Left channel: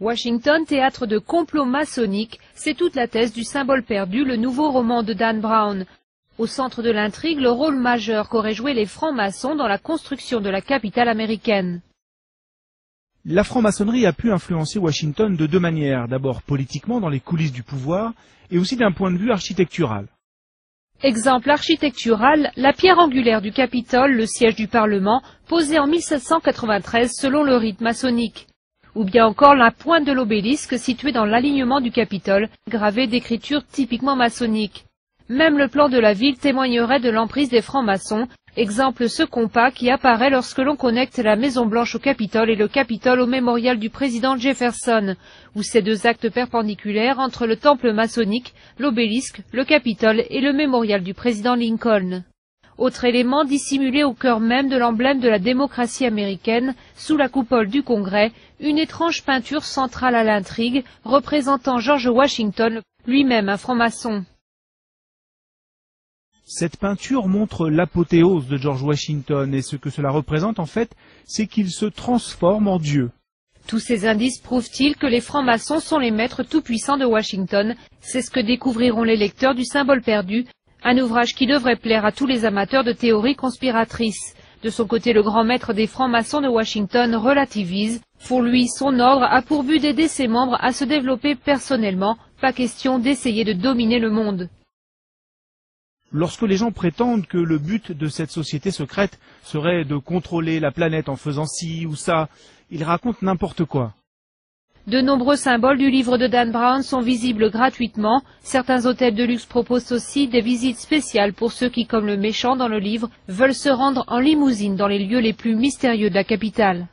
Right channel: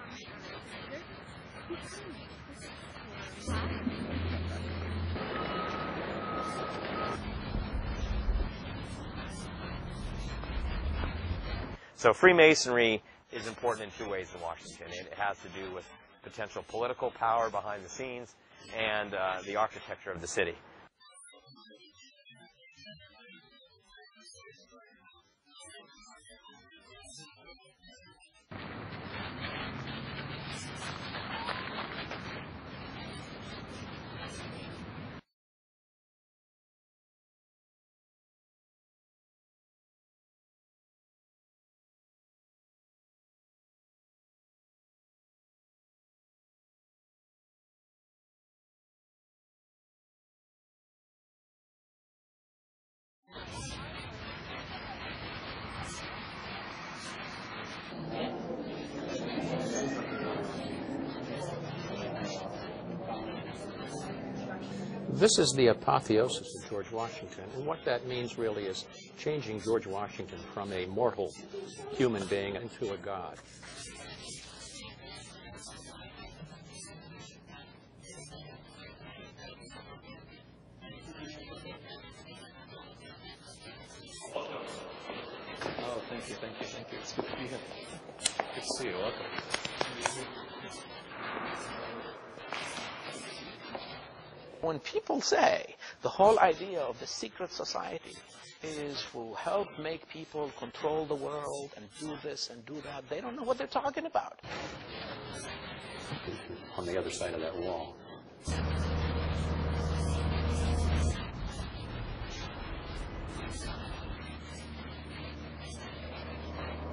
Washington, théâtre de complots maçonniques, c'est toute la thèse du Symbole perdu, le nouveau roman de Dan Brown. Au centre de l'intrigue, le rôle majeur qu'auraient joué les francs-maçons dans la construction de la capitale américaine. La franc-maçonnerie a pu influencer Washington de deux manières. D'abord politiquement, dans les coulisses du pouvoir, et aussi d'un point de vue architectural. Exemple architectural, la pierre angulaire du Capitole, le siège du Parlement, posée en 1793 selon le rite maçonnique. Ou bien encore la pointe de l'obélisque située dans l'alignement du Capitole, gravée d'écritures typiquement maçonniques. Même le plan de la ville témoignerait de l'emprise des francs-maçons, exemple ce compas qui apparaît lorsque l'on connecte la Maison Blanche au Capitole et le Capitole au mémorial du président Jefferson, ou ces deux actes perpendiculaires entre le temple maçonnique, l'obélisque, le Capitole et le mémorial du président Lincoln. Autre élément dissimulé au cœur même de l'emblème de la démocratie américaine, sous la coupole du Congrès, une étrange peinture centrale à l'intrigue, représentant George Washington, lui-même un franc-maçon. Cette peinture montre l'apothéose de George Washington, et ce que cela représente en fait, c'est qu'il se transforme en Dieu. Tous ces indices prouvent-ils que les francs-maçons sont les maîtres tout-puissants de Washington? C'est ce que découvriront les lecteurs du Symbole perdu, un ouvrage qui devrait plaire à tous les amateurs de théories conspiratrices. De son côté, le grand maître des francs-maçons de Washington relativise. Pour lui, son ordre a pour but d'aider ses membres à se développer personnellement. Pas question d'essayer de dominer le monde. Lorsque les gens prétendent que le but de cette société secrète serait de contrôler la planète en faisant ci ou ça, ils racontent n'importe quoi. De nombreux symboles du livre de Dan Brown sont visibles gratuitement. Certains hôtels de luxe proposent aussi des visites spéciales pour ceux qui, comme le méchant dans le livre, veulent se rendre en limousine dans les lieux les plus mystérieux de la capitale.